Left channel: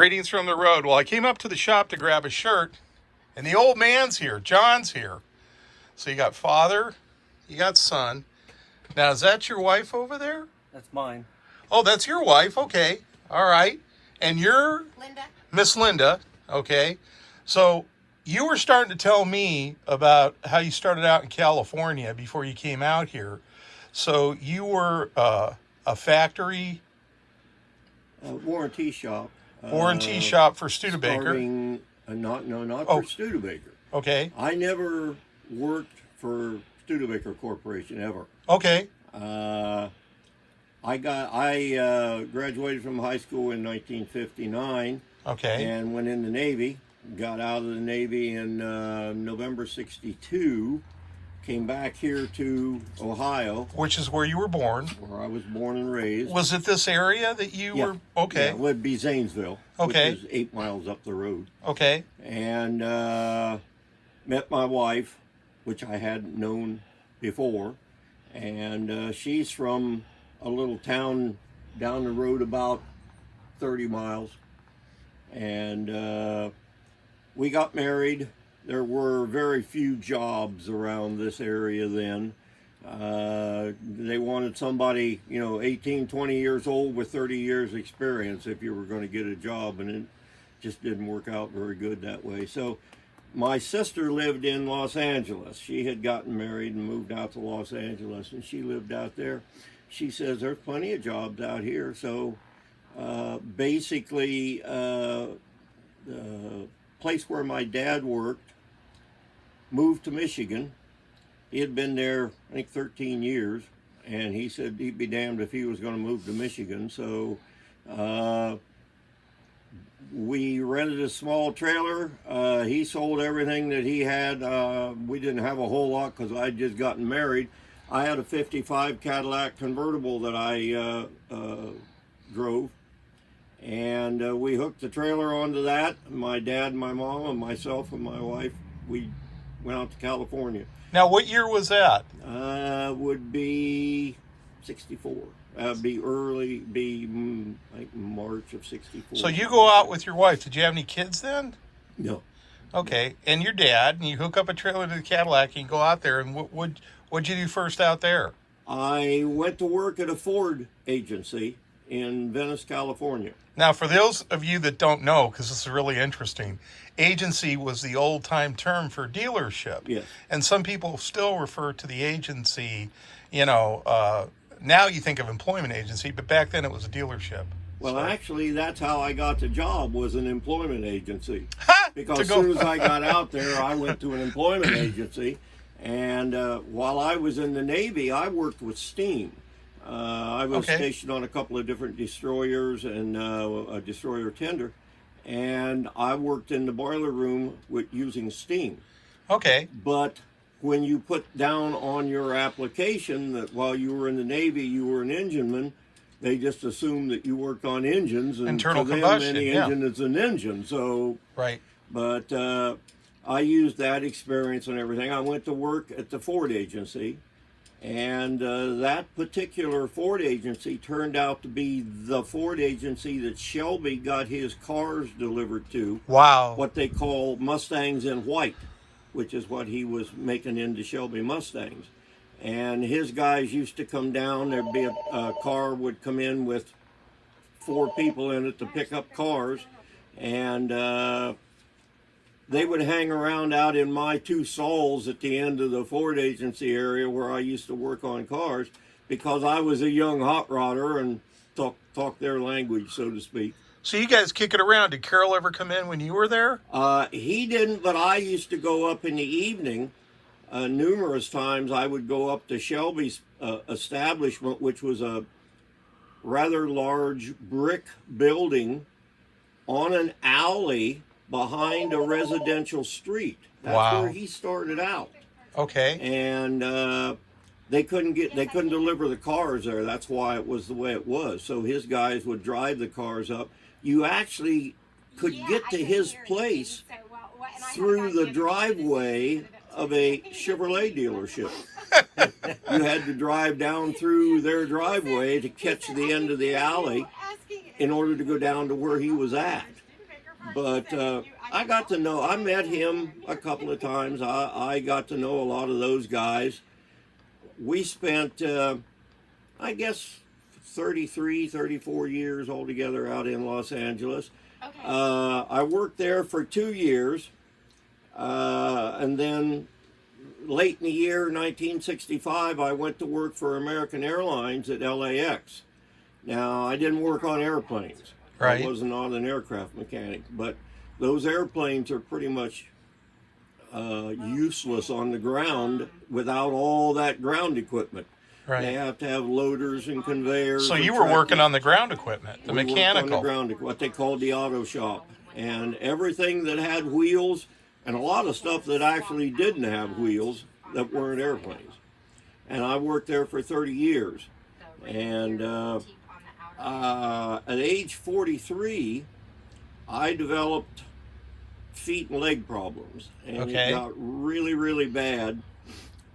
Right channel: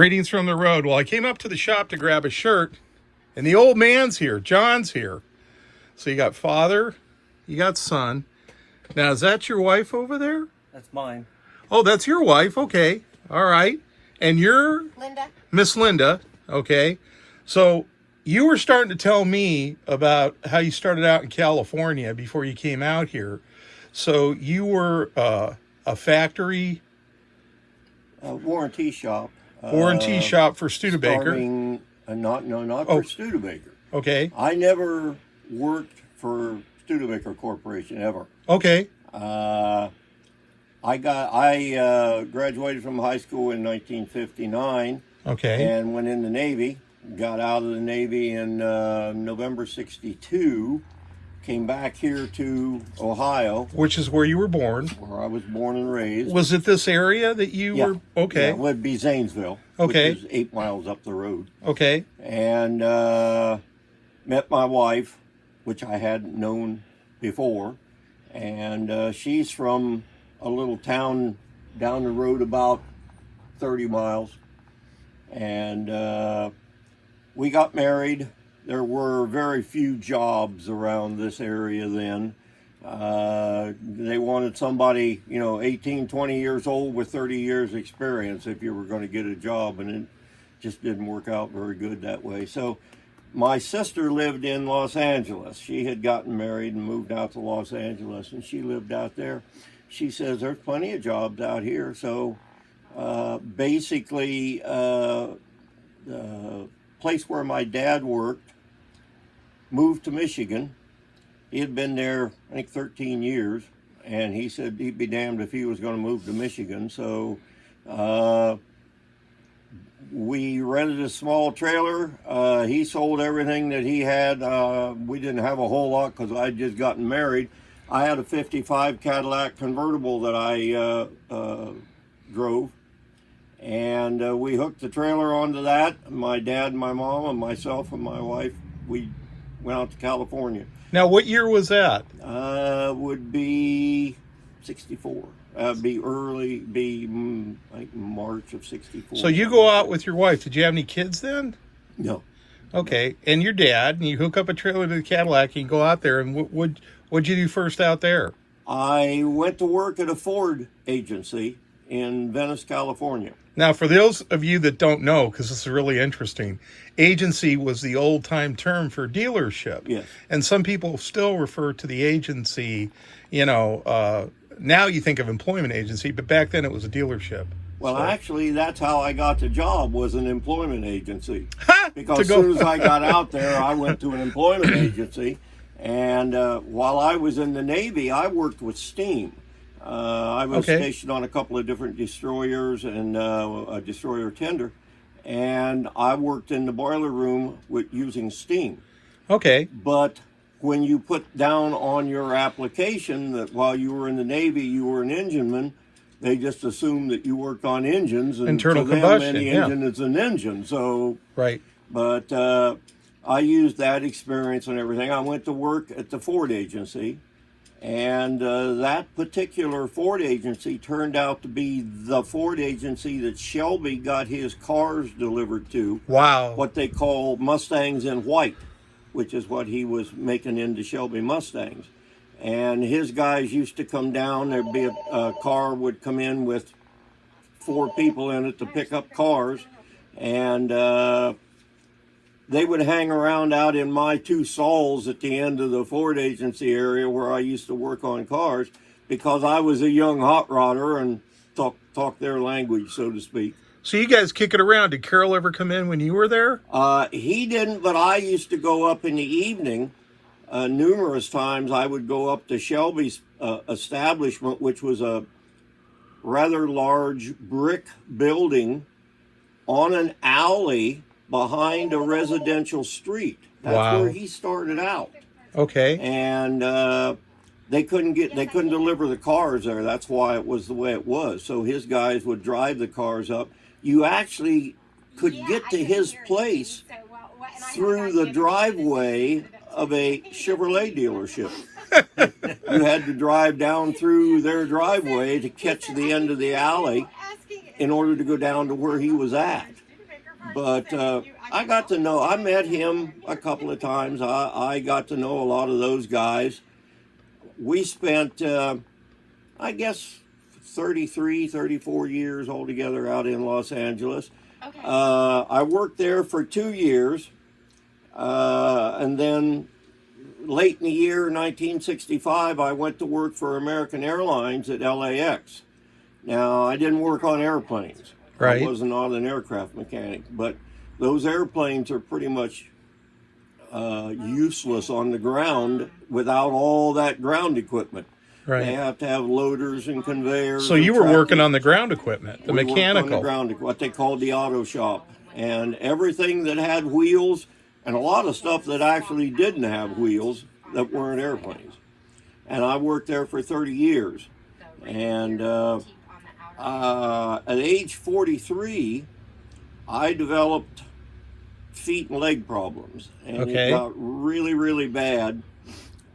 Greetings from the road. Well, I came up to the shop to grab a shirt, and the old man's here. John's here. So you got father, you got son. Now, is that your wife over there? That's mine. Oh, that's your wife. Okay. All right. And you're? Linda. Miss Linda. Okay. So you were starting to tell me about how you started out in California before you came out here. So you were a factory? Warranty shop. Warranty shop for Studebaker. Not for Studebaker. Okay. I never worked for Studebaker Corporation ever. Okay. I graduated from high school in 1959. Okay. And went in the Navy. Got out of the Navy in November '62. Came back here to Ohio. Which is where you were born. Where I was born and raised. Was it this area that you were? Okay. Yeah, it would be Zanesville, okay. Which is 8 miles up the road. Okay. And met my wife, which I hadn't known before. And she's from a little town down the road about 30 miles. And we got married. There were very few jobs around this area then. They wanted somebody, 18, 20 years old with 30 years experience if you were going to get a job, and it just didn't work out very good that way. So my sister lived in Los Angeles. She had gotten married and moved out to Los Angeles, and she lived out there. She says, there's plenty of jobs out here. So basically, the place where my dad worked, moved to Michigan. He had been there, I think, 13 years, and he said he'd be damned if he was going to move to Michigan. So we rented a small trailer. He sold everything that he had. We didn't have a whole lot because I'd just gotten married. I had a '55 Cadillac convertible that I drove, and we hooked the trailer onto that. My dad, my mom, and myself and my wife, we went out to California. Now, what year was that? Would be 64. Like March of 64. So you go out with your wife. Did you have any kids then? No. Okay. And your dad, and you hook up a trailer to the Cadillac and go out there. And what'd you do first out there? I went to work at a Ford agency in Venice, California. Now, for those of you that don't know, because this is really interesting, agency was the old-time term for dealership. Yes. And some people still refer to the agency, now you think of employment agency, but back then it was a dealership. Well, actually, that's how I got the job, was an employment agency. Ha! Because as soon as I got out there, I went to an employment agency. And while I was in the Navy, I worked with steam. I was stationed on a couple of different destroyers and a destroyer tender. And I worked in the boiler room using steam. Okay. But when you put down on your application that while you were in the Navy, you were an engineman, they just assumed that you worked on engines. And internal to them, combustion, any engine is an engine. So, right. But I used that experience and everything. I went to work at the Ford agency. And that particular Ford agency turned out to be the Ford agency that Shelby got his cars delivered to. Wow. What they call Mustangs in white, which is what he was making into Shelby Mustangs. And his guys used to come down. There'd be a car would come in with 4 people in it to pick up cars. And they would hang around out in my 2 stalls at the end of the Ford agency area where I used to work on cars, because I was a young hot rodder and talk their language, so to speak. So you guys kick it around. Did Carol ever come in when you were there? He didn't, but I used to go up in the evening. Numerous times I would go up to Shelby's establishment, which was a rather large brick building on an alley behind a residential street. That's where he started out. Okay. And they couldn't deliver the cars there. That's why it was the way it was. So his guys would drive the cars up. You actually could get to his place through the driveway of a Chevrolet dealership. You had to drive down through their driveway to catch the end of the alley in order to go down to where he was at. But I got to know, I met him a couple of times. I got to know a lot of those guys. We spent, I guess, 33, 34 years altogether out in Los Angeles. Okay. I worked there for 2 years, and then late in the year 1965, I went to work for American Airlines at LAX. Now, I didn't work on airplanes. Right. I was not an aircraft mechanic, but those airplanes are pretty much useless on the ground without all that ground equipment. They Right. have to have loaders and conveyors. So and you were working tractors. on the ground equipment, the We worked on the mechanical. ground, what they called the auto shop, and everything that had wheels, and a lot of stuff that actually didn't have wheels that weren't airplanes. And I worked there for 30 years. And at age 43, I developed feet and leg problems, and Okay. it got really, really bad.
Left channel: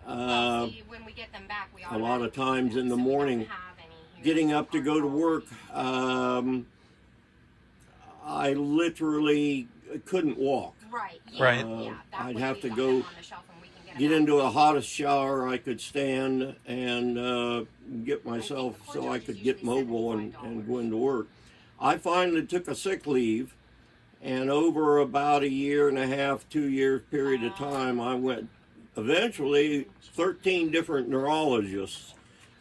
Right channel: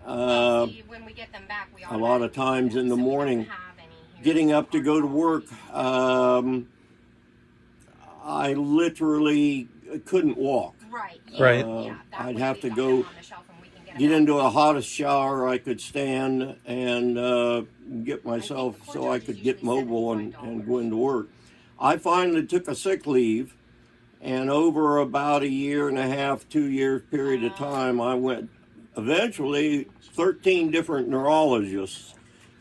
A lot of times in the morning, getting up to go to work, I literally couldn't walk. Right. I'd have to go get into a hottest shower I could stand and get myself so I could get mobile and go into work. I finally took a sick leave, and over about a year and a half, 2 years period of time, I went eventually 13 different neurologists,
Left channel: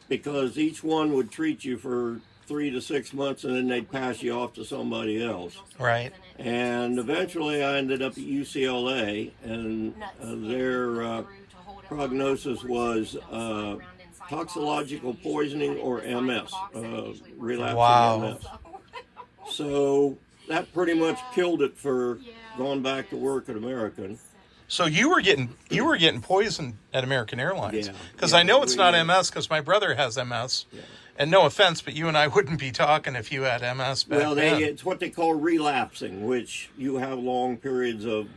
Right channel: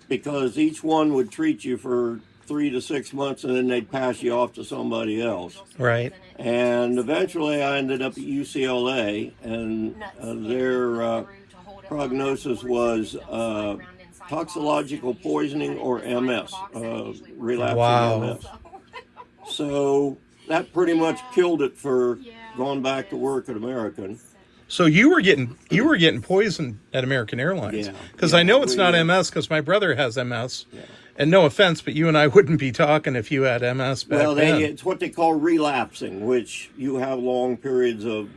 because each one would treat you for 3 to 6 months and then they'd pass you off to somebody else. Right. And eventually I ended up at UCLA, and their prognosis was toxicological poisoning or MS, relapsing Wow. MS. So that pretty much killed it for going back to work at American. So you were getting poisoned at American Airlines. Yeah. Because Yeah, I know it's we, not MS, because my brother has MS. Yeah. And no offense, but you and I wouldn't be talking if you had MS back Well, then. it's what they call relapsing, which you have long periods of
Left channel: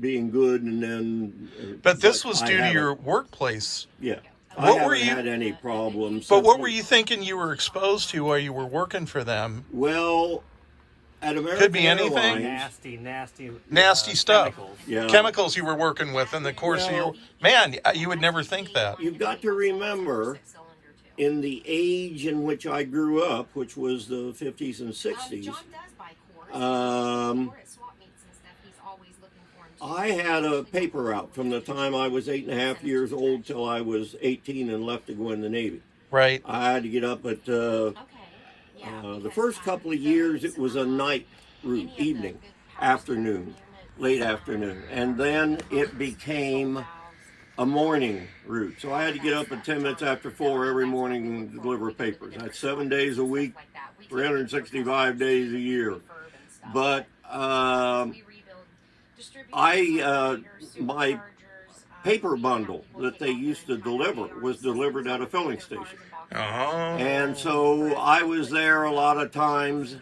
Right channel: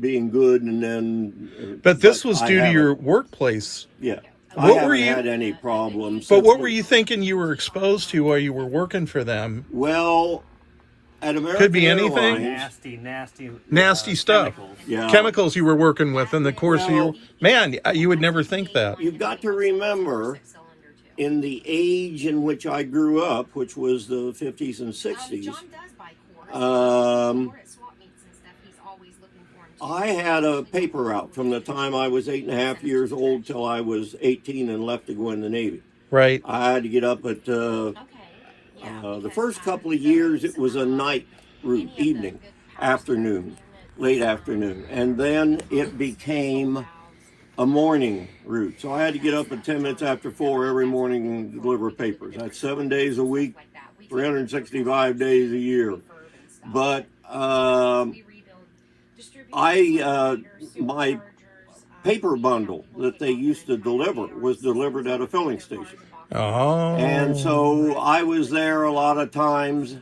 being good and then. But this was I due to haven't. your workplace. Yeah. What I were haven't you- had any problems. But since what we- were you thinking you were exposed to while you were working for them? Well, at American be anything. Airlines, Nasty stuff. Chemicals. yeah, Chemicals you were working with in the course of your... Well- Man, you would never think that. you've got to remember, in the age in which I grew up, which was the 50s and 60s, I had a paper route from the time I was 8.5 years old till I was 18 and left to go in the Navy. Right. I had to get up at the first couple of years. It was a night route, evening, afternoon, late afternoon, and then it became a morning route. So I had to get up at 10 minutes after 4 every morning and deliver papers. That's 7 days a week, 365 days a year. But my paper bundle that they used to deliver was delivered at a filling station. Oh. And so I was there a lot of times,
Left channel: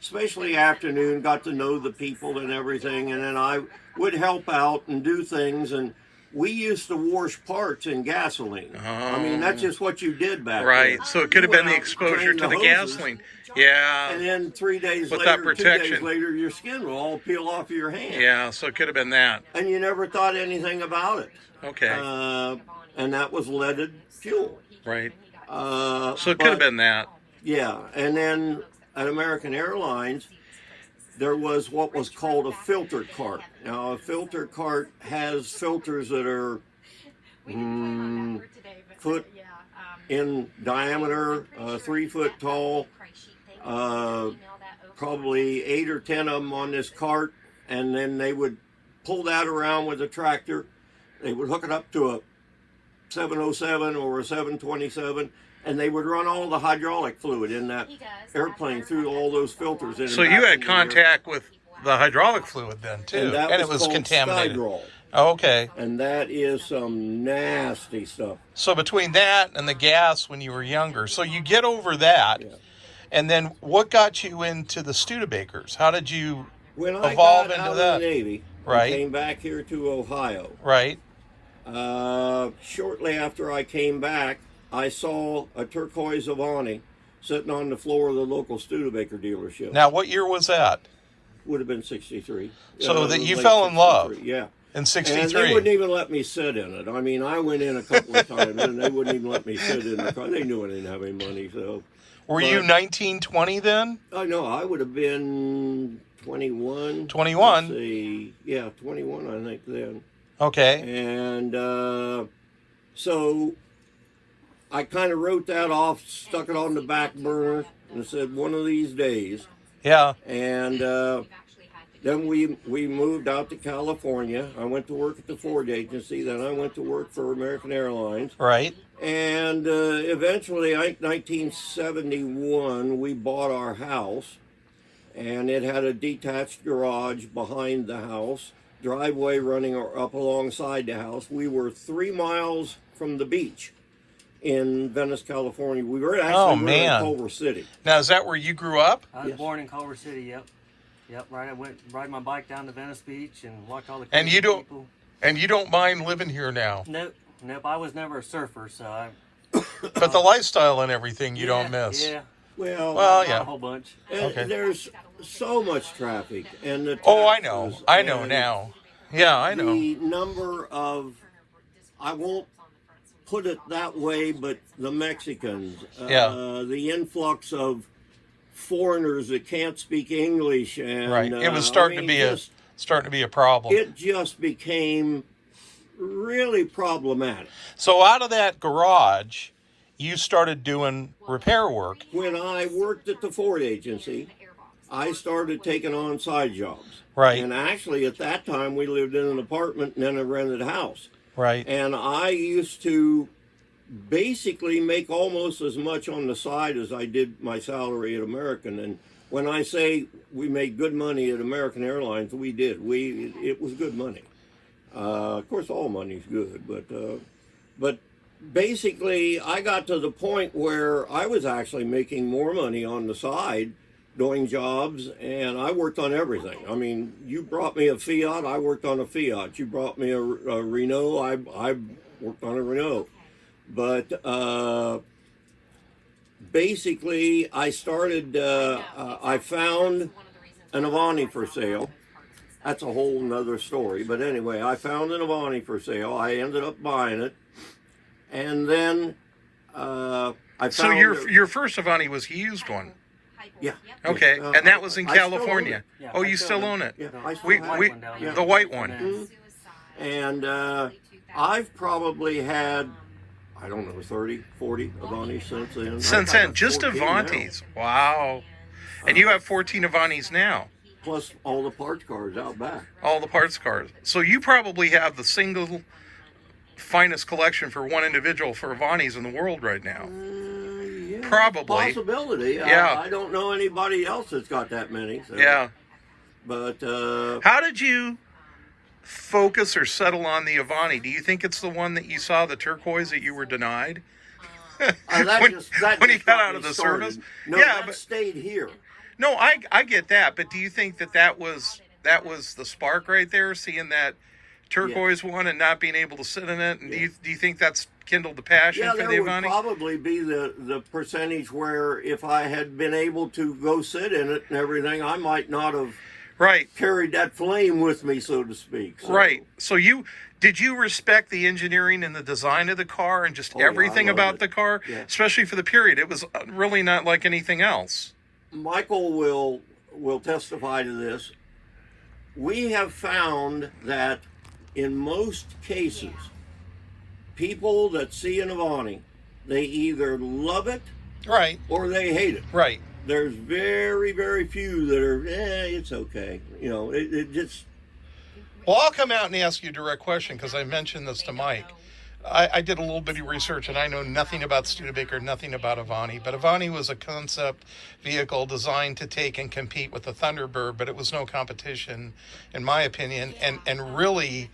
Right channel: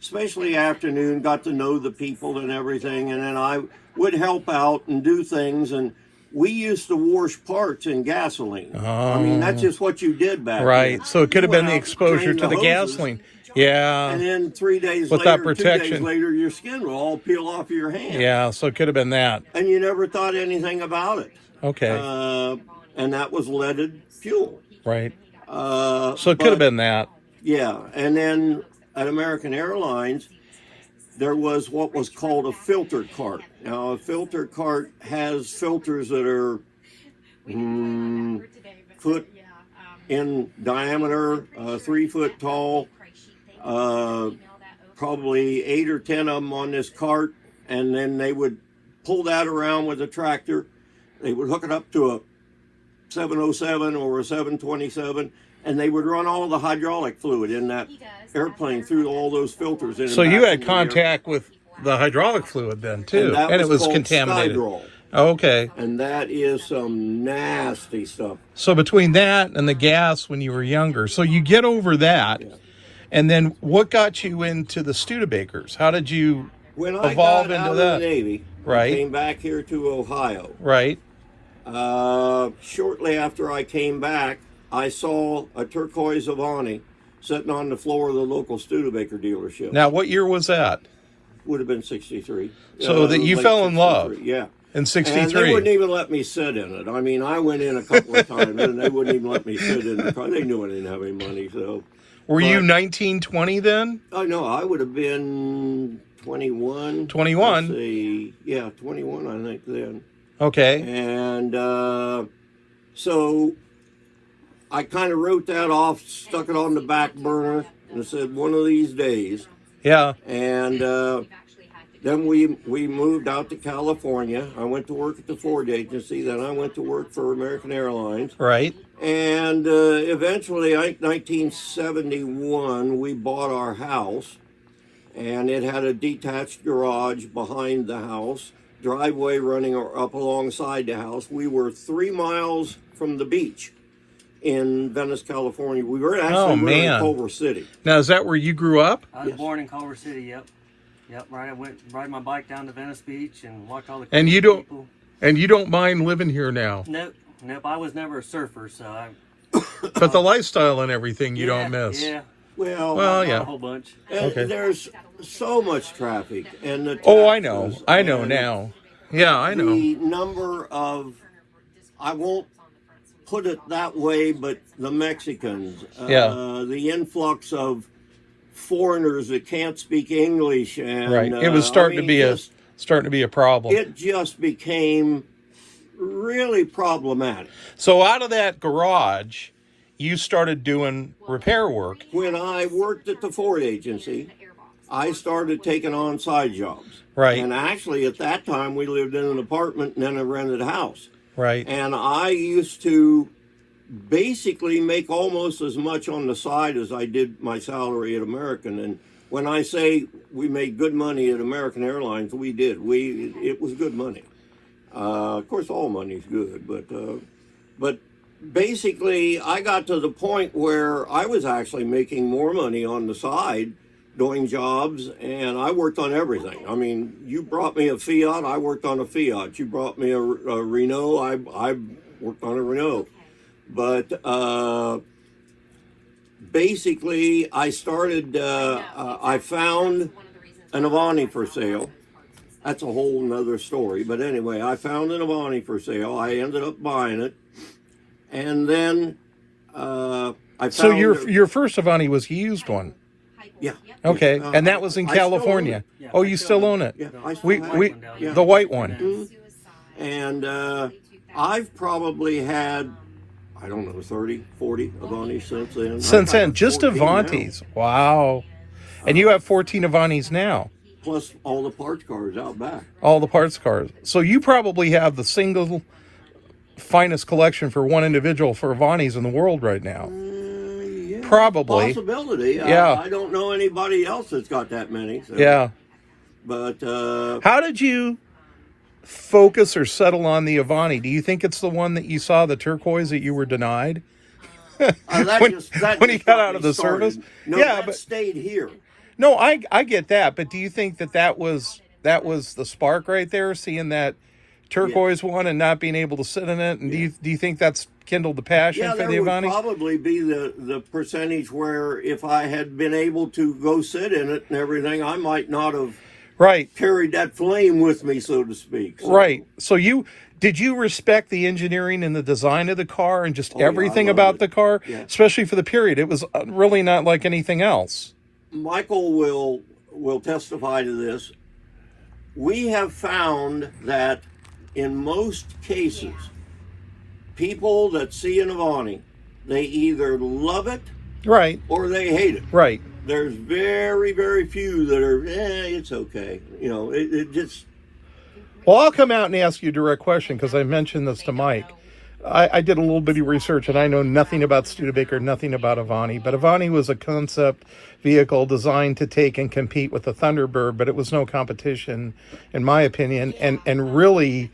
especially afternoon, got to know the people and everything, and then I would help out and do things, and we used to wash parts in gasoline. I mean, that's just what you did back then. Right. So it could have You been went the out, exposure drained to the hoses, gasoline. Yeah. and then 3 days With that later, 2 days protection. later, your skin will all peel off your hand. Yeah, so it could have been that. And you never thought anything about it. Okay. And that was leaded fuel. Right. So So it could have been that. Yeah, and then at American Airlines, there was what was called a filter cart. Now, a filter cart has filters that are foot in diameter, 3 foot tall, probably 8 or 10 of them on this cart, and then they would pull that around with a tractor. They would hook it up to a 707 or a 727, and they would run all the hydraulic fluid in that airplane through all those filters. In and So you back had into the air. contact with the hydraulic fluid then, too. And, that it was called contaminated. Skydrol. Okay. And that is some nasty stuff. So between that and the gas when you were younger, so you get over that. Yeah. And then what got you into the Studebakers? How did you When I evolve got into out that? of the Navy, Right. I came back here to Ohio. Right. Shortly after I came back, I saw a turquoise Avanti sitting on the floor of the local Studebaker dealership. Now, what year was that? Would have been 63. So that you late fell in love 63, yeah. in And they 63. wouldn't even let me sit in it. I mean, I went in a couple of times, and they wouldn't even let me sit in the car. They knew I didn't have any money, so. Were you 19, 20 then? I know, I would have been 21. 21? Let's see. Yeah, 21, I think, then. Okay. And so I kind of wrote that off, stuck it on the back burner, and said, one of these days. Yeah. And then we moved out to California. I went to work at the Ford agency. Then I went to work for American Airlines. Right. And eventually, 1971, we bought our house. And it had a detached garage behind the house, driveway running up alongside the house. We were 3 miles from the beach in Venice, California. We were actually we were in Culver City. Now, is that where you grew up? I was born in Culver City. Yep. Right. I went ride my bike down to Venice Beach and watch all the And you don't people. and you don't mind living here now. Nope. I was never a surfer, so I. But the lifestyle and everything you don't miss. Yeah. Well, Not yeah. a whole bunch. Okay. There's so much traffic, and the Oh, I know. taxes I know and now. Yeah, I know. The number of, I won't put it that way, but the Mexicans, the influx of foreigners that can't speak English, and Right. It was starting to be a problem. It just became really problematic. So out of that garage, you started doing repair work. When I worked at the Ford agency, I started taking on side jobs. Right. And actually, at that time, we lived in an apartment and then a rented house. Right. And I used to basically make almost as much on the side as I did my salary at American. And when I say we made good money at American Airlines, we did. It was good money. Of course, all money's good, but basically, I got to the point where I was actually making more money on the side doing jobs, and I worked on everything. I mean, you brought me a Fiat, I worked on a Fiat. You brought me a Renault, I worked on a Renault. But basically, I started, I found an Avanti for sale. That's a whole nother story. But anyway, I found an Avanti for sale. I ended up buying it. And then I found... So your first Avanti was a used one? Yeah. Okay, and that was in California. Yeah, Oh, you still own it? Yeah, I still have it. Yeah. The white one. Mhm. And I've probably had, I don't know, 30, 40 Avantis since then. Since I've then, got just 14 Avantis. now. Wow. And you have 14 Avantis now. Plus all the parts cars out back. All the parts cars. So you probably have the single finest collection for one individual for Avantis in the world right now. Yeah, Probably. Possibility. Yeah. I don't know anybody else that's got that many. So. Yeah. But How did you focus or settle on the Avanti? Do you think it's the one that you saw, the turquoise, that you were denied? that when just you got out of the started. service? No, Yeah, that but- stayed here. No, I get that, but do you think that was the spark right there, seeing that turquoise one and not being able to sit in it? And do you think that's kindled the passion Yeah, for there the would Avanti? probably be the percentage where if I had been able to go sit in it and everything, I might not have Right. carried that flame with me, so to speak. So, Right. So did you respect the engineering and the design of the car and just Oh, yeah, everything I loved about it. the car, Yeah. especially for the period? It was really not like anything else. Michael will testify to this. We have found that in most cases, people that see an Avanti, they either love it Right. or they hate it. Right. There's very, very few that are, it's okay. You know, it just... Well, I'll come out and ask you a direct question because I mentioned this to Mike. I did a little bit of research and I know nothing about Studebaker, nothing about Avanti, but Avanti was a concept vehicle designed to take and compete with the Thunderbird, but it was no competition, in my opinion, and really,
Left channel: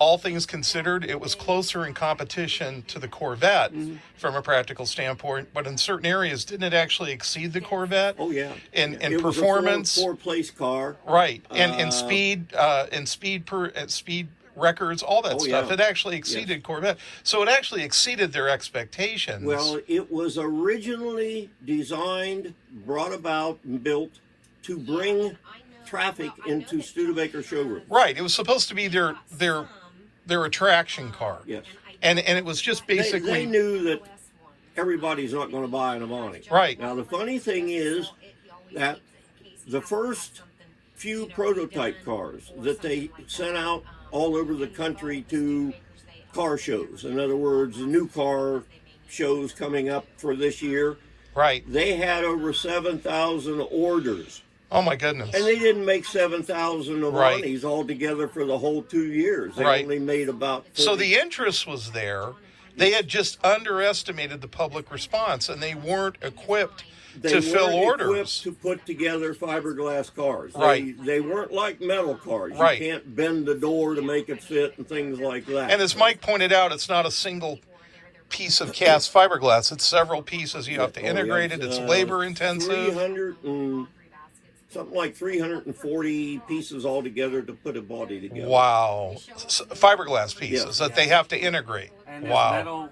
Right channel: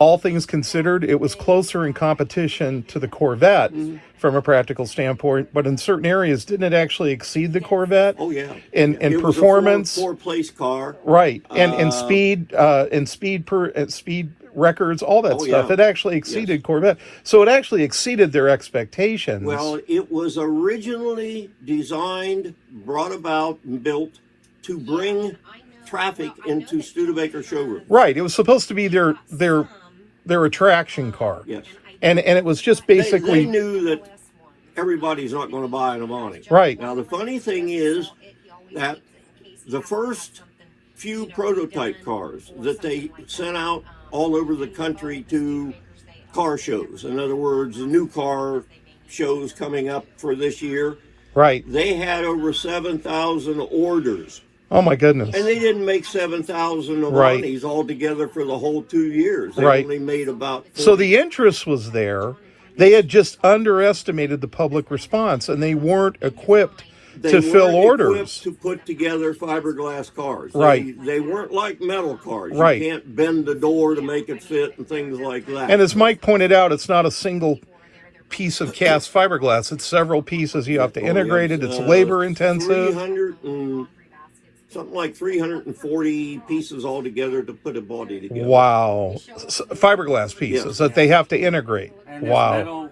all things considered, it was closer in competition to the Corvette from a practical standpoint, but in certain areas, didn't it actually exceed the Corvette? Oh, yeah. In It was performance, a four-place car. right, and speed records, all that Oh, stuff. yeah. It actually exceeded Corvette. So it actually exceeded their expectations. Well, it was originally designed, brought about, and built to bring traffic into Studebaker showroom. Right. It was supposed to be their attraction car. Yes. And it was just They basically knew that everybody's not going to buy an Avanti. right. Now, the funny thing is that the first few prototype cars that they sent out all over the country to car shows, in other words, the new car shows coming up for this year, Right. they had over 7,000 orders. Oh my goodness. And they didn't make 7,000 Avantis altogether for the whole 2 years. They Right. only made about 40. So the interest was there. They had just underestimated the public response, and they weren't equipped to fill weren't orders. equipped to put together fiberglass cars. Right. They weren't like metal cars. Right. You can't bend the door to make it fit and things like that. And as Mike pointed out, it's not a single piece of cast fiberglass. It's several pieces. You have to integrate it. It's labor intensive. 300 and something like 340 pieces altogether to put a body together. Wow. Fiberglass pieces that they have to integrate. And Wow. metal,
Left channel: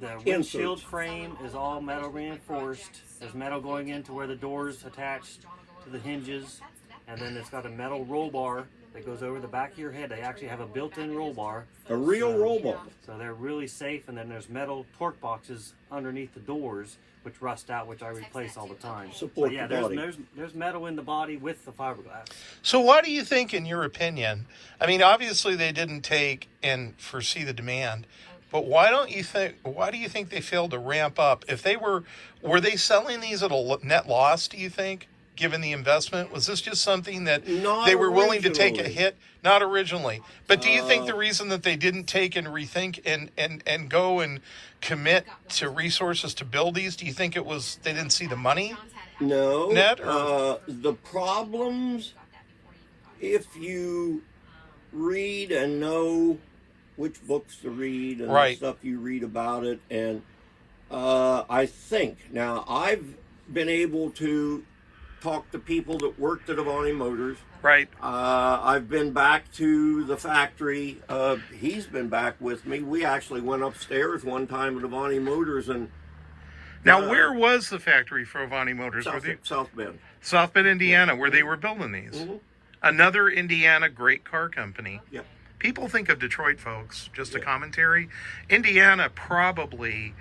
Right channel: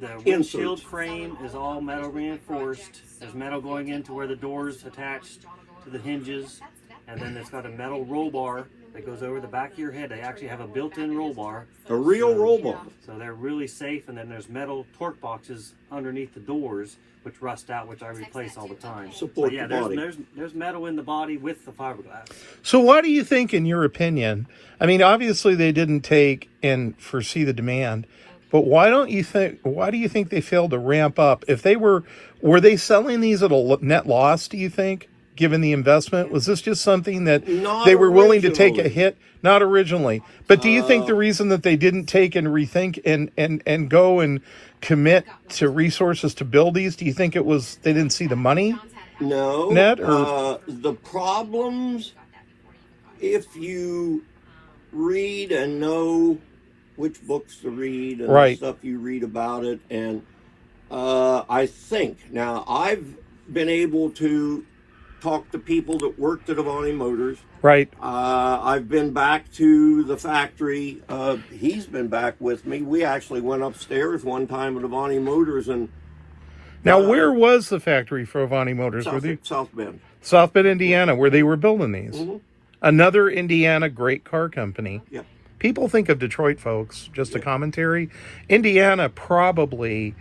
the windshield frame is all metal reinforced. There's metal going into where the door's attached to the hinges. And then it's got a metal roll bar that goes over the back of your head. They actually have a built-in roll bar. A real roll bar. So they're really safe. And then there's metal torque boxes underneath the doors, which rust out, which I replace all the time. Support But yeah, the body. there's metal in the body with the fiberglass. So why do you think, in your opinion, I mean, obviously they didn't take and foresee the demand, but why do you think they failed to ramp up? If they were they selling these at a net loss, do you think, given the investment? Was this just something that Not they were willing to take a originally. hit? Not originally. But do you think the reason that they didn't take and rethink and go and commit to resources to build these, do you think it was they didn't see the money? No. Net, or- the problems, if you read and know which books to read and Right. stuff you read about it, and I think, now I've been able to talk to people that worked at Avanti Motors. Right. I've been back to the factory. He's been back with me. We actually went upstairs one time at Avanti Motors and Now, where was the factory for Avanti Motors? Were they South Bend. South Bend, Indiana, where they were building these? Mm-hmm. Another Indiana great car company. Yeah. People think of Detroit, folks, just a commentary. Indiana probably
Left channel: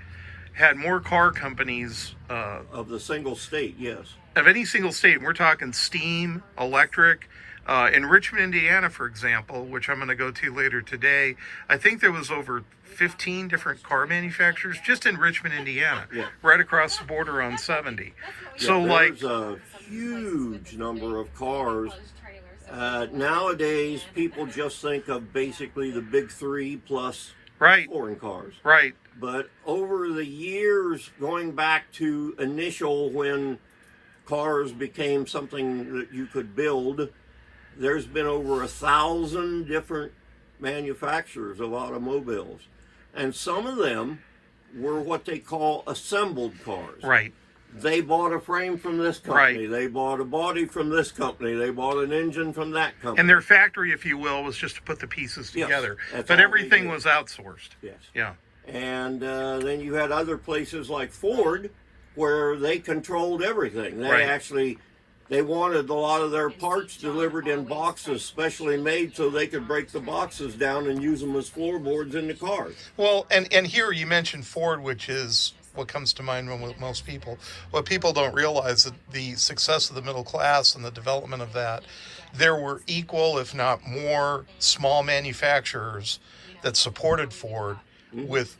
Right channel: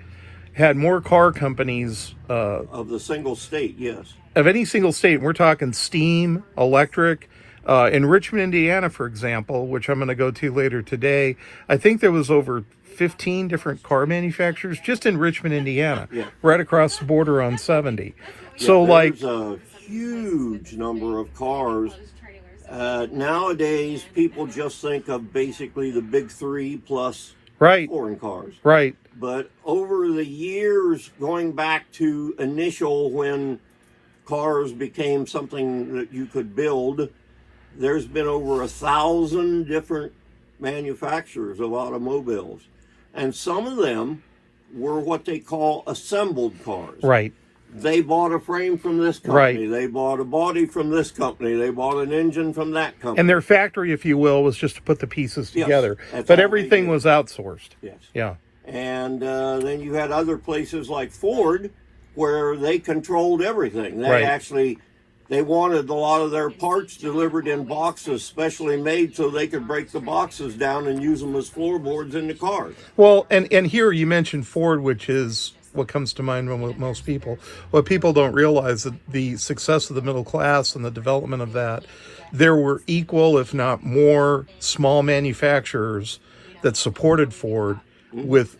had more car companies Of the single state, yes. of any single state. We're talking steam, electric. In Richmond, Indiana, for example, which I'm going to go to later today, I think there was over 15 different car manufacturers just in Richmond, Indiana, Yeah. right across the border on 70. So, like, There's a huge number of cars. Nowadays, people just think of basically the big three plus right, foreign cars. right, But over the years, going back to initial when cars became something that you could build, there's been over 1,000 different manufacturers of automobiles. And some of them were what they call assembled cars. right. They bought a frame from this company. Right. They bought a body from this company. They bought an engine from that company. And their factory, if you will, was just to put the pieces Yes, together. that's But all everything they did. was outsourced. Yes. Yeah. And then you had other places like Ford where they controlled everything. They Right. actually, they wanted a lot of their parts delivered in boxes, specially made so they could break the boxes down and use them as floorboards in the cars. Well, and here you mentioned Ford, which is what comes to mind with most people. What people don't realize that the success of the middle class and the development of that, there were equal, if not more, small manufacturers that supported Ford with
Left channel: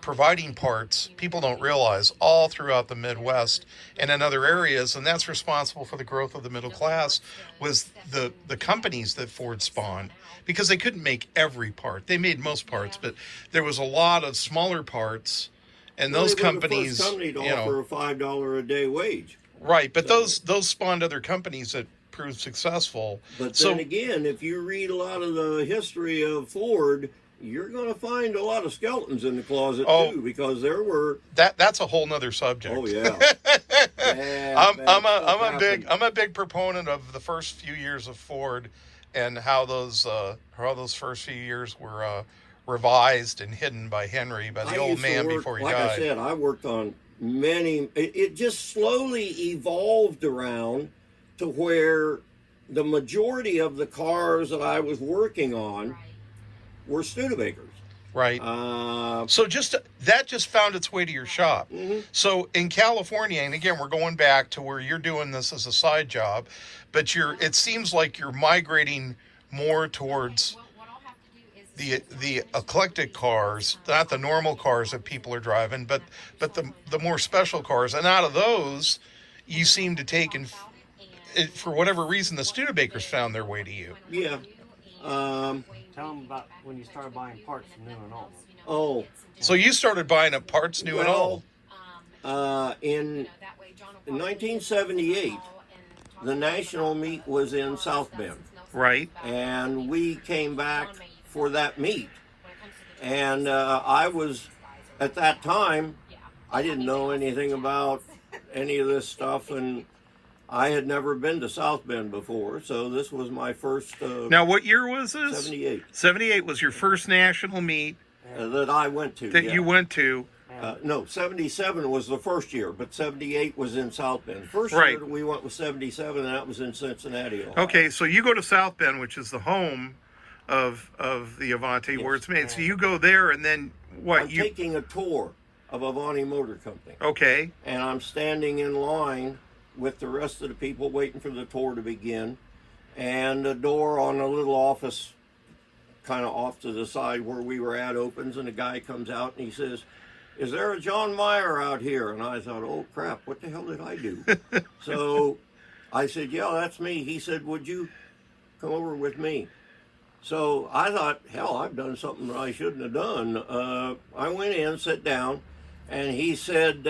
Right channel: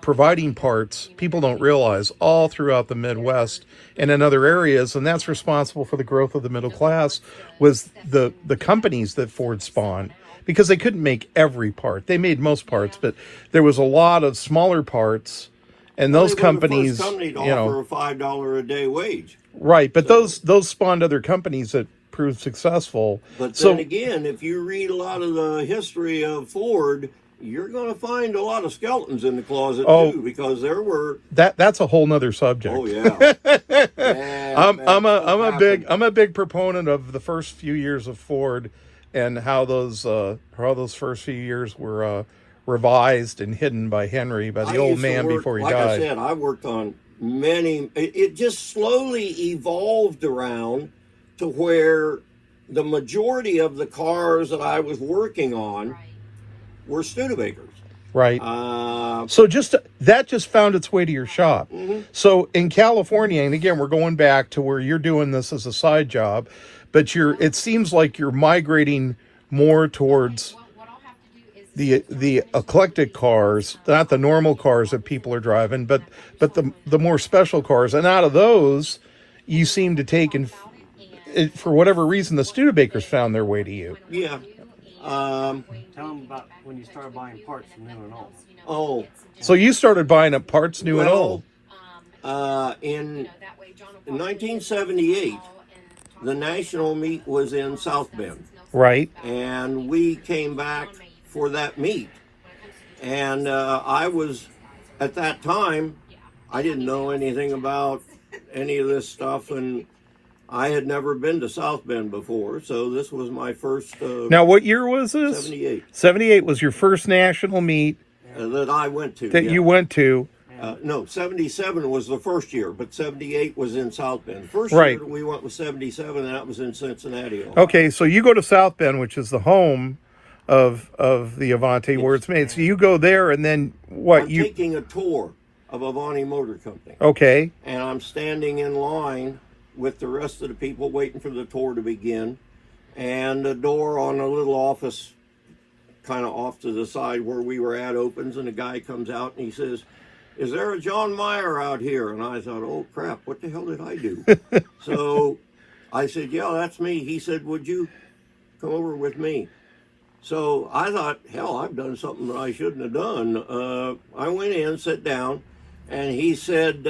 providing parts. People don't realize all throughout the Midwest and in other areas, and that's responsible for the growth of the middle class. Was the companies that Ford spawned, because they couldn't make every part. They made most parts, but there was a lot of smaller parts. And those They were the companies, first company to you know, offer a $5 a day wage. right? But those spawned other companies that proved successful. But So- then again, if you read a lot of the history of Ford, you're going to find a lot of skeletons in the closet too, because there were. That's a whole nother subject. Oh yeah. I'm a big proponent of the first few years of Ford and how those first few years were revised and hidden by Henry, by the old man before he died. Like I said, I worked on many. It just slowly evolved around to where the majority of the cars that I was working on were Studebakers. Right. So that just found its way to your shop. Mm-hmm. So in California, and again, we're going back to where you're doing this as a side job, but it seems like you're migrating more towards the eclectic cars, not the normal cars that people are driving, but the more special cars. And out of those, you seem to take, and for whatever reason, the Studebakers found their way to you. Yeah. Tell them about when you started buying parts from new and old. Oh. So you started buying up parts new and old. In 1978, the national meet was in South Bend. Right. And we came back for that meet. And I was, at that time, I didn't know anything about any of this stuff, and I had never been to South Bend before, so this was my first. Now, what year was this? 78. 78 was your first national meet that I went to. That you went to. No, 77 was the first year, but 78 was in South Bend. First Right. year that we went was 77, and that was in Cincinnati, Ohio. Okay, so you go to South Bend, which is the home of the Avanti, Yes. where it's made. So you go there, and then what? I'm taking a tour of Avanti Motor Company. Okay. And I'm standing in line with the rest of the people waiting for the tour to begin. And the door on a little office kind of off to the side where we were at opens, and a guy comes out and he says, "Is there a John Meyer out here?" And I thought, oh crap, what the hell did I do? So I said, "Yeah, that's me." He said, "Would you come over with me?" So I thought, hell, I've done something that I shouldn't have done. I went in, sat down, and he said,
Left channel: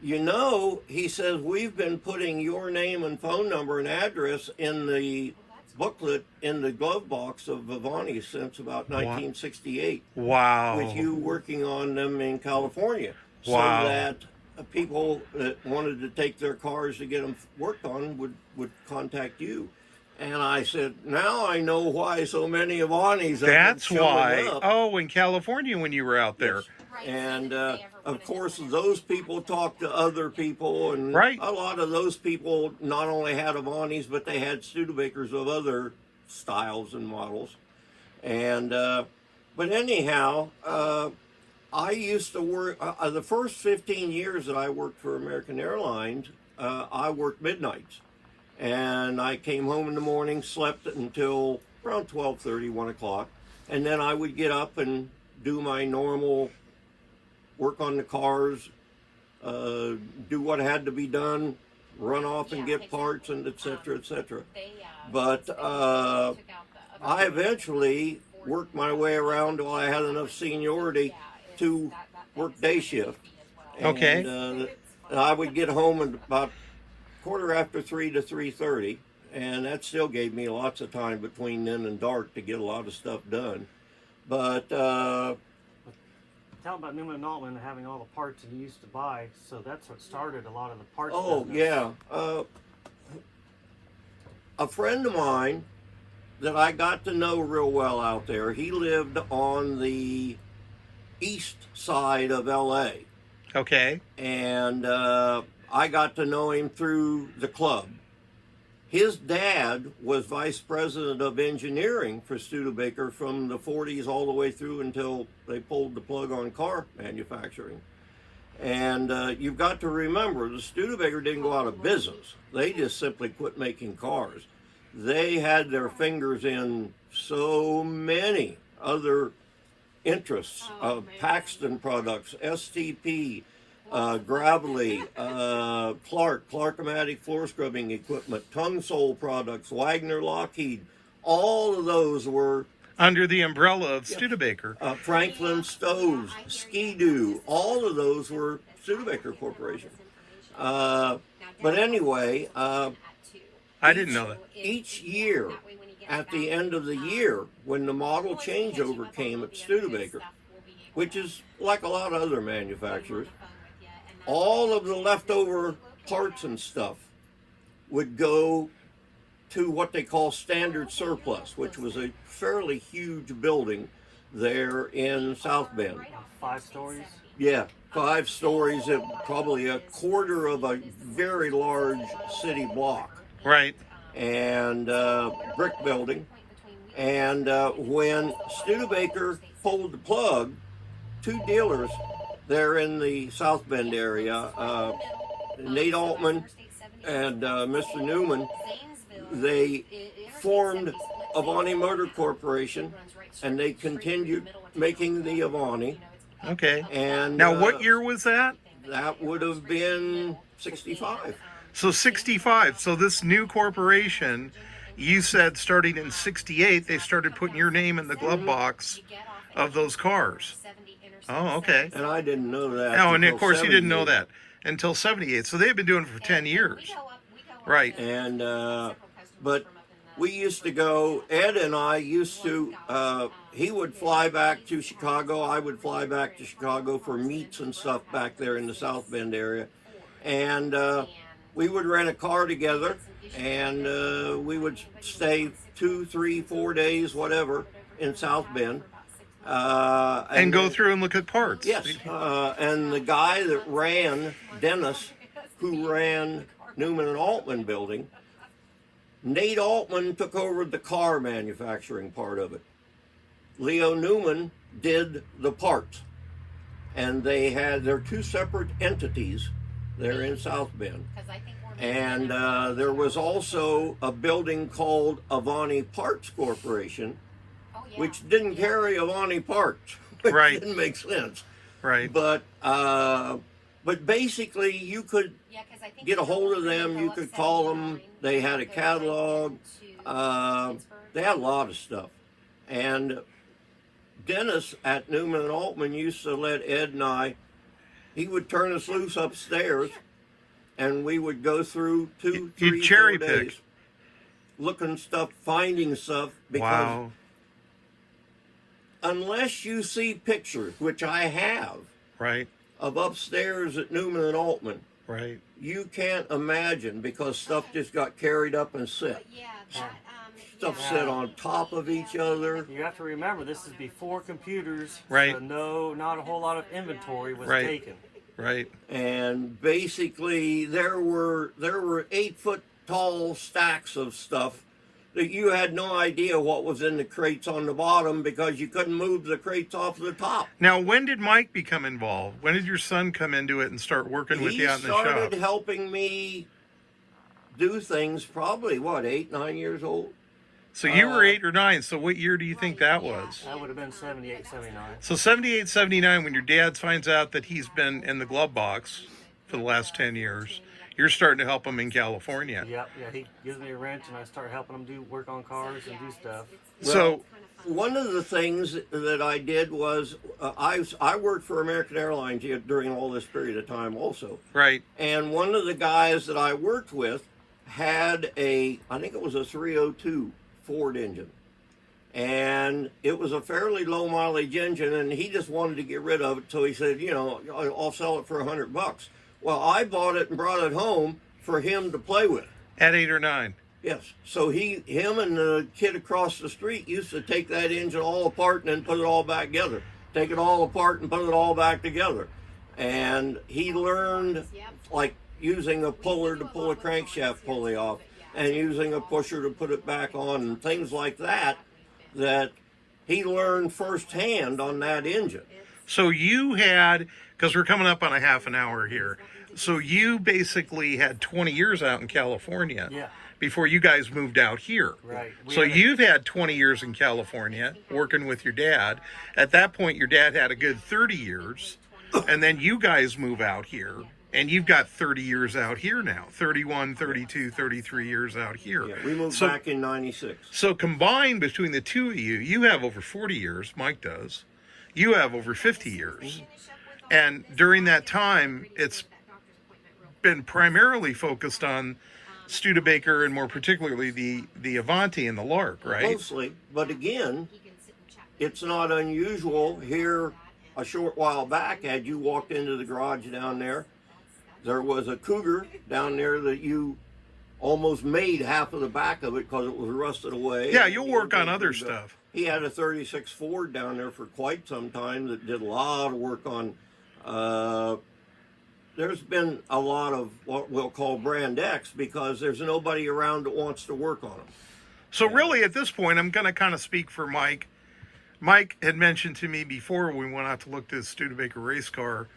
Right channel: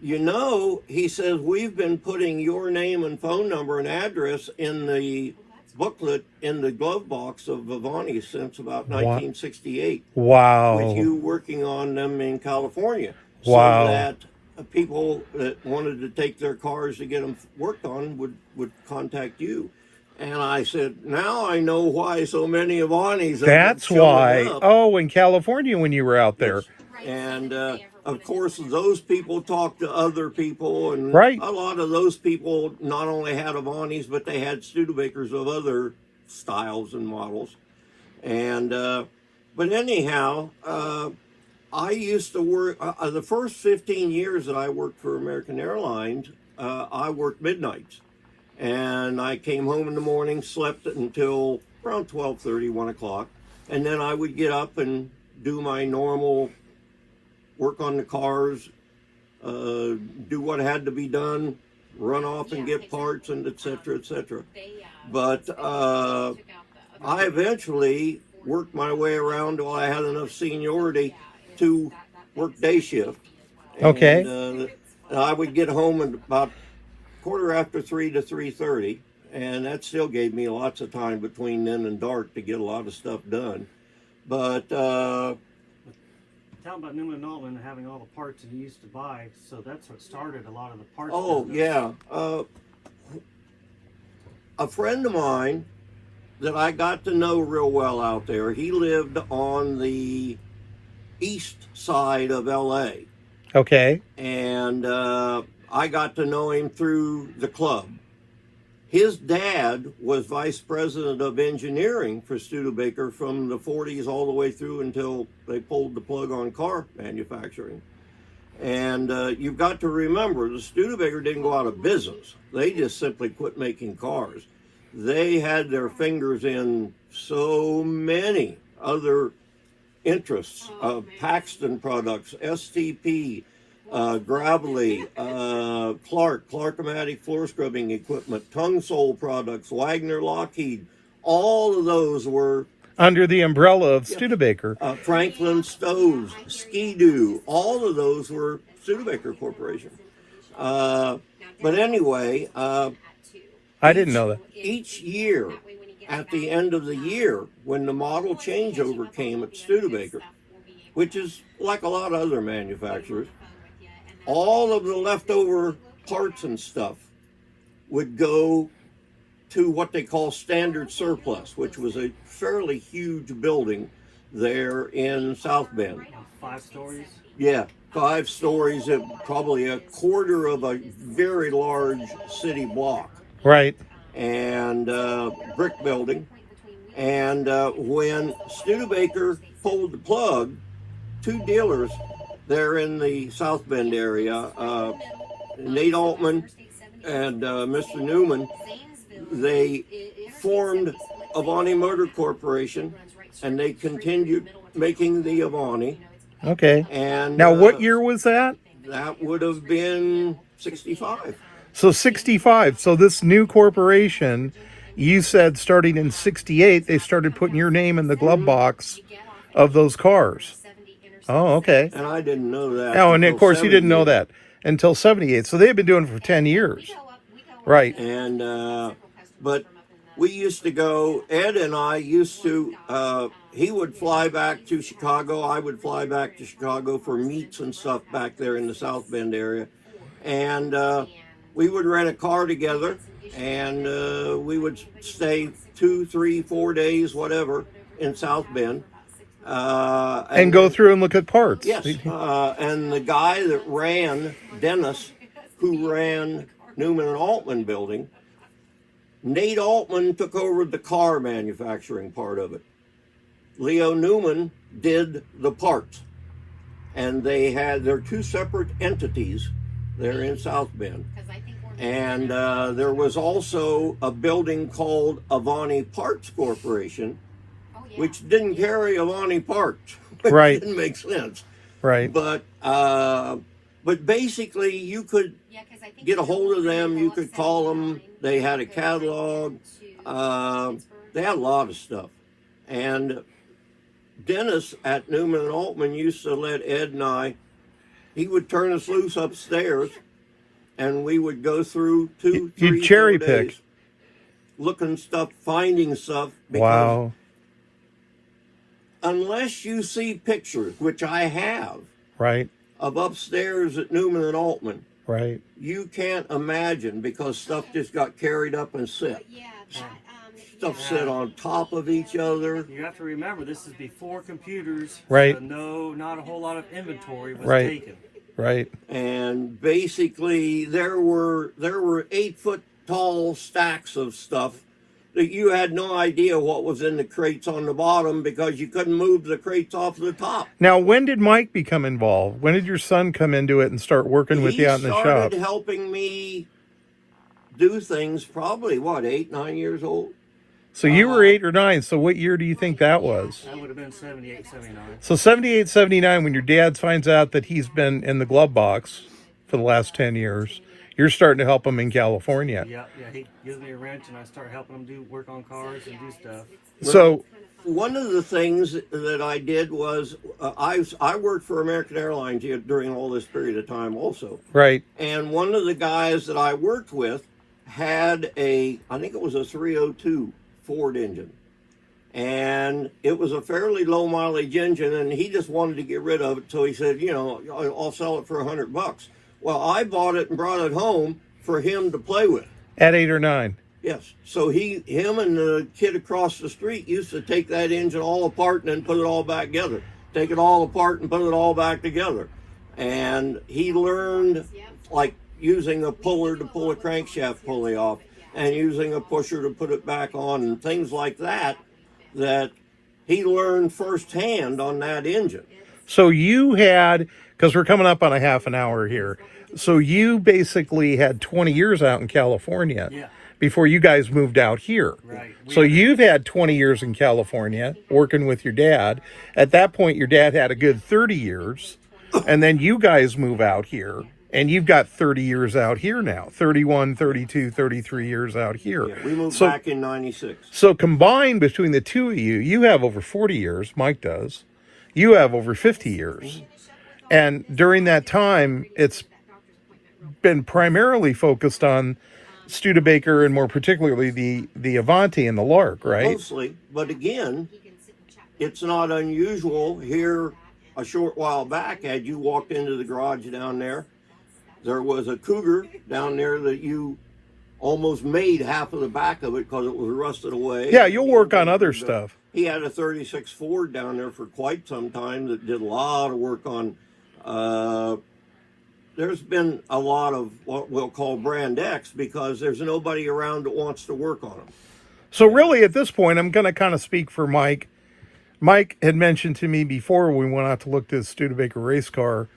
he says, "We've been putting your name and phone number and address in the booklet in the glove box of Avanti since about 1968. Wow. With you working on them in California." Wow. So that people that wanted to take their cars to get them worked on would contact you. And I said, now I know why so many Avantis That's showing why. up. Oh, in California when you were out there. Yes. And of course, those people talked to other people, and Right. a lot of those people not only had Avantis, but they had Studebakers of other styles and models. And but anyhow, I used to work the first 15 years that I worked for American Airlines. I worked midnights. And I came home in the morning, slept until around 12:30, 1 o'clock. And then I would get up and do my normal work on the cars, do what had to be done, run off and get parts, and et cetera, et cetera. But I eventually worked my way around till I had enough seniority to work day shift. And, Okay. I would get home at about 3:15 to 3:30, and that still gave me lots of time between then and dark to get a lot of stuff done. But tell them about Newman and Altman and having all the parts that you used to buy. So that's what started a lot of the parts. oh business. yeah, a friend of mine that I got to know real well out there. He lived on the east side of LA, Okay. and I got to know him through the club. His dad was vice president of engineering for Studebaker from the 40s all the way through until they pulled the plug on car manufacturing. And you've got to remember, the Studebaker didn't go out of business. They just simply quit making cars. They had their fingers in so many other interests, Paxton products, STP, Gravelly, Clark-O-Matic floor scrubbing equipment, Tongue Sole products, Wagner Lockheed. All of those were Under the umbrella of Studebaker. Franklin Stoves, Ski-Doo. All of those were Studebaker Corporation. But anyway, I didn't know that. each year, at the end of the year, when the model changeover came at Studebaker, which is like a lot of other manufacturers, all of the leftover parts and stuff would go to what they call standard surplus, which was a fairly huge building there in South Bend. 5 stories. Yeah, 5 stories, probably a quarter of a very large city block. Right. And brick building. And when Studebaker pulled the plug, 2 dealers there in the South Bend area, Nate Altman and Mr. Newman, they formed Avanti Motor Corporation, and they continued making the Avanti. Okay. And now, what year was that? That would have been 65. So 65. So this new corporation, you said starting in 68, they started putting your name in the glove box of those cars. Oh, okay. And I didn't know that. Oh, and of course you didn't know that until 78. So they've been doing it for 10 years. Right. And, but we used to go, Ed and I used to, he would fly back to Chicago. I would fly back to Chicago for meets and stuff back there in the South Bend area. And we would rent a car together, and we would stay 2, 3, 4 days, whatever, in South Bend. And go through and look at parts. Yes. And the guy that ran, Dennis, who ran Newman and Altman building, Nate Altman took over the car manufacturing part of it. Leo Newman did the parts. And they had their 2 separate entities there in South Bend. And there was also a building called Avanti Parts Corporation, which didn't carry Avanti parts. Right. It didn't make sense. Right. But basically, you could get a hold of them. You could call them. They had a catalog. They had a lot of stuff. And Dennis at Newman and Altman used to let Ed and I, he would turn us loose upstairs, and we would go through 2, 3, 4 days looking stuff, finding stuff. Because wow. Unless you see pictures, which I have, right, of upstairs at Newman and Altman, right, you can't imagine, because stuff just got carried up and set. Stuff set on top of each other. You have to remember, this is before computers. Right. So not a whole lot of inventory was right. taken. Right. And basically, there were 8-foot tall stacks of stuff that you had no idea what was in the crates on the bottom, because you couldn't move the crates off the top. Now, when did Mike become involved? When did your son come into it and start working with you out in the shop? He started helping me do things probably, 8, 9 years old? So you were 8 or 9. So what year do you think that was? That would have been 78, 79. So 78, 79, when your dad finds out that he's been in the glove box for the last 10 years, you're starting to help him in California. Yeah, he gives me a wrench, and I start helping him work on cars and do stuff. Well, so one of the things that I did was I worked for American Airlines during all this period of time also. Right. And one of the guys that I worked with had I think it was a 302 Ford engine. And it was a fairly low mileage engine, and he just wanted to get rid of it. So he said, I'll sell it for $100. Well, I bought it and brought it home for him to play with. At 8 or 9? Yes. So him and the kid across the street used to take that engine all apart and then put it all back together. Take it all apart and put it all back together. And he learned, like, using a puller to pull a crankshaft pulley off, and using a pusher to put it back on, and things like that he learned firsthand on that engine. So you had, because we're coming up on a half an hour here, so you basically had 20 years out in California before you guys moved out here. Right. So you've had 20 years in California working with your dad. At that point, your dad had a good 30 years, and then you guys move out here. And you've got 30 years out here now, 31, 32, 33 years out here. Yeah, we moved back in 96. So combined between the two of you, you have over 40 years, Mike does. You have over 50 years. And during that time, it's been primarily focused on Studebaker and more particularly the Avanti and the Lark, right? Mostly, but again, it's not unusual. Here, a short while back, had you walked into the garage down there was a Cougar down there that you almost made half of the back of it because it was rusted away. Yeah, you'll work on other stuff. He had a 36 Ford down there for quite some time that did a lot of work on. There's been a lot of what we'll call brand X because there's nobody around that wants to work on them. So really, at this point, I'm going to kind of speak for Mike. Mike had mentioned to me before we went out to look at his Studebaker race car,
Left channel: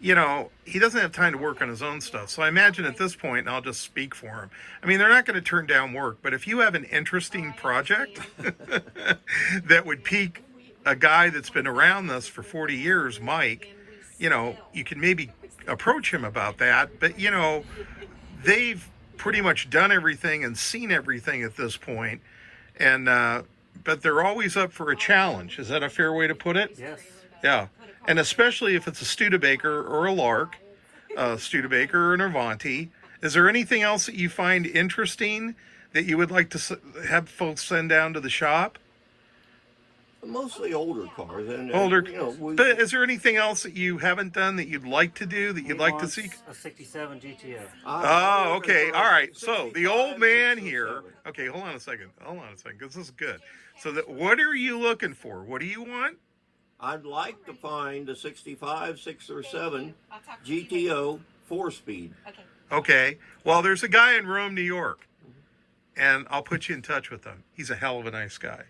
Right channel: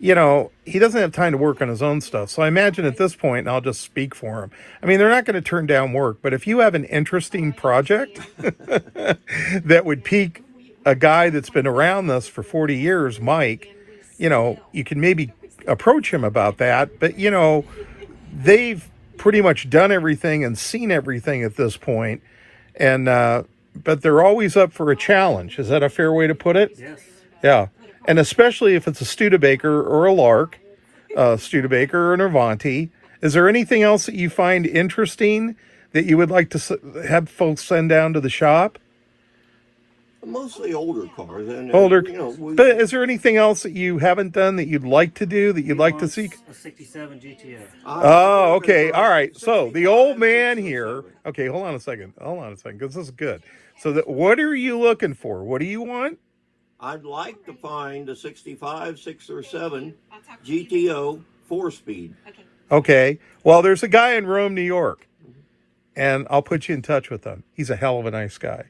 you know, he doesn't have time to work on his own stuff. So I imagine at this point, and I'll just speak for him, I mean, they're not going to turn down work, but if you have an interesting project that would pique a guy that's been around this for 40 years, Mike, you know, you can maybe approach him about that. But, you know, they've pretty much done everything and seen everything at this point. And, but they're always up for a challenge. Is that a fair way to put it? Yes. Yeah. And especially if it's a Studebaker or a Lark, Studebaker or an Avanti. Is there anything else that you find interesting that you would like to have folks send down to the shop? Mostly older cars. And, Older. You know, But is there anything else that you haven't done that you'd like to do, that you'd like to see? A 67 GTO. Oh, okay. All right. So the old man here. Okay, hold on a second. Because this is good. So what are you looking for? What do you want? I'd like to find a 65, 6 or 7 GTO 4-speed. Okay. Well, there's a guy in Rome, New York, and I'll put you in touch with him. He's a hell of a nice guy,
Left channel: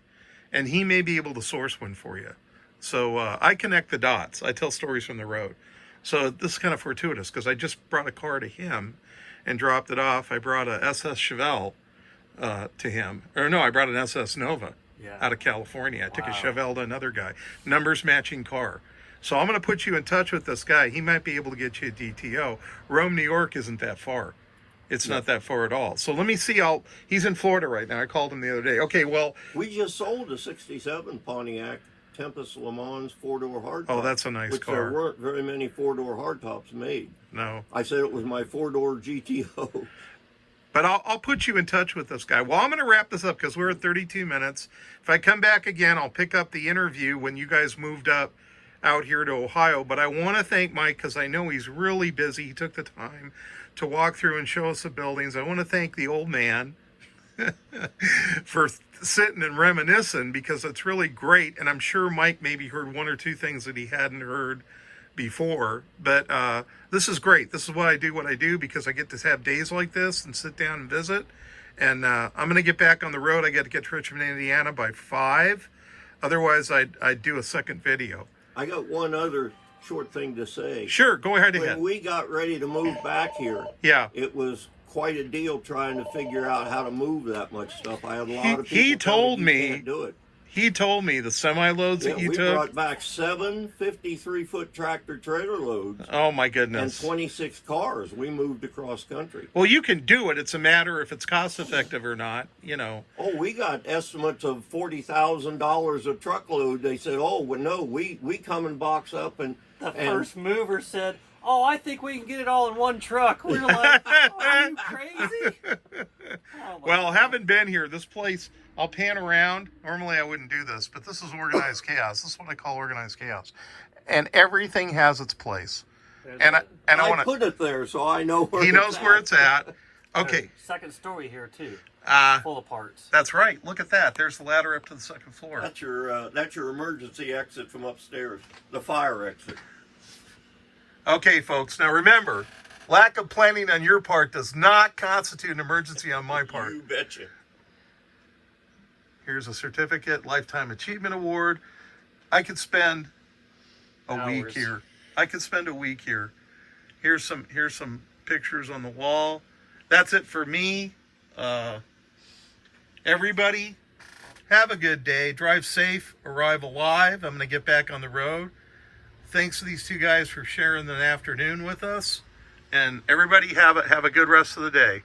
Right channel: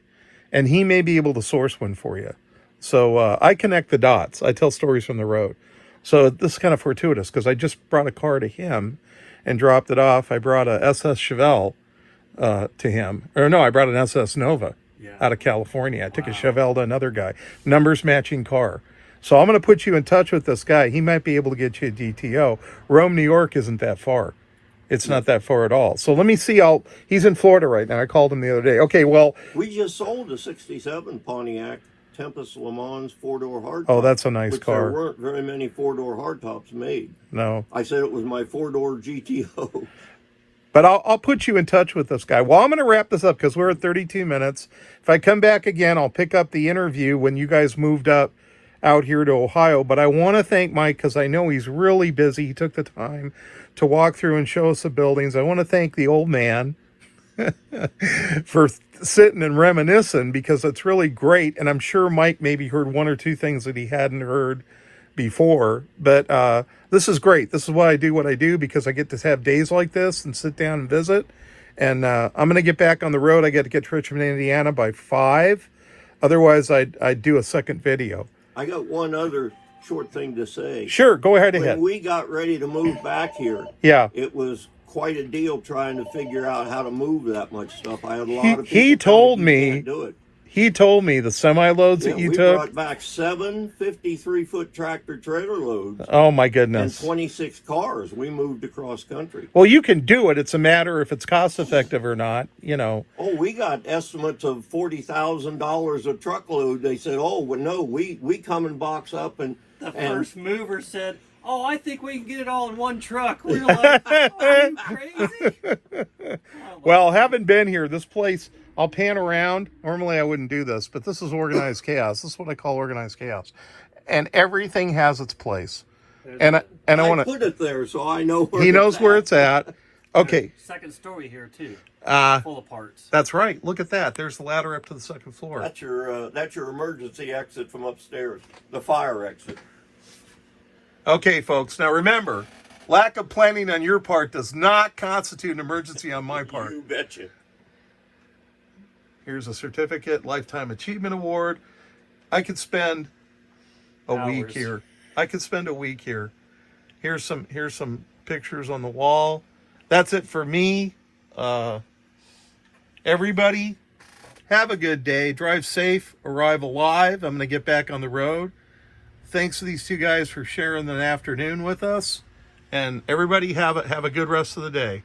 and he may be able to source one for you. So I connect the dots. I tell stories from the road. So this is kind of fortuitous because I just brought a car to him and dropped it off. I brought a SS Chevelle to him. Or no, I brought an SS Nova. Yeah. Out of California. I took a Chevelle to another guy. Numbers matching car. So I'm going to put you in touch with this guy. He might be able to get you a GTO. Rome, New York isn't that far. It's not that far at all. So let me see. He's in Florida right now. I called him the other day. Okay, well. We just sold a 67 Pontiac Tempest Le Mans 4-door hardtop. Oh, that's a nice car. There weren't very many 4-door hardtops made. No. I said it was my 4-door GTO. But I'll put you in touch with this guy. Well, I'm going to wrap this up because we're at 32 minutes. If I come back again, I'll pick up the interview when you guys moved up out here to Ohio. But I want to thank Mike because I know he's really busy. He took the time to walk through and show us the buildings. I want to thank the old man for sitting and reminiscing because it's really great. And I'm sure Mike maybe heard one or two things that he hadn't heard before. But this is great. This is why I do because I get to have days like this and sit down and visit. And I'm going to get back on the road. I got to get to Richmond, Indiana by 5. Otherwise, I'd do a second video. I got one other short thing to say. Sure, go ahead. When we got ready to move back here, it was quite a deal trying to figure out how to move that much stuff. I had a lot of people He told me you can't do it. He told me the semi-loads that you we took. brought back 7 53-foot tractor trailer loads. Oh my goodness! And 26 cars. We moved across country. Well, you can do it. It's a matter if it's cost effective or not. You know. Oh, we got estimates of $40,000 a truckload. They said, "Oh, well, no, we come and box up and." The first mover said, "Oh, I think we can get it all in one truck." We were like, "Oh, are you crazy?" Well, having been here, this place, I'll pan around. Normally I wouldn't do this, but this is organized chaos. This is what I call organized chaos. And everything has its place. And I want to put it there so I know where he knows where it's at. Okay. Second story here too. Full of parts. That's right. Look at that. There's the ladder up to the second floor. That's your emergency exit from upstairs. The fire exit. Okay, folks. Now remember, lack of planning on your part does not constitute an emergency on my part. You betcha. Here's a certificate, Lifetime Achievement Award. I could spend a week here. I could spend a week here. Here's some pictures on the wall. That's it for me. Everybody, have a good day. Drive safe. Arrive alive. I'm going to get back on the road. Thanks to these two guys for sharing the afternoon with us. And everybody have a good rest of the day.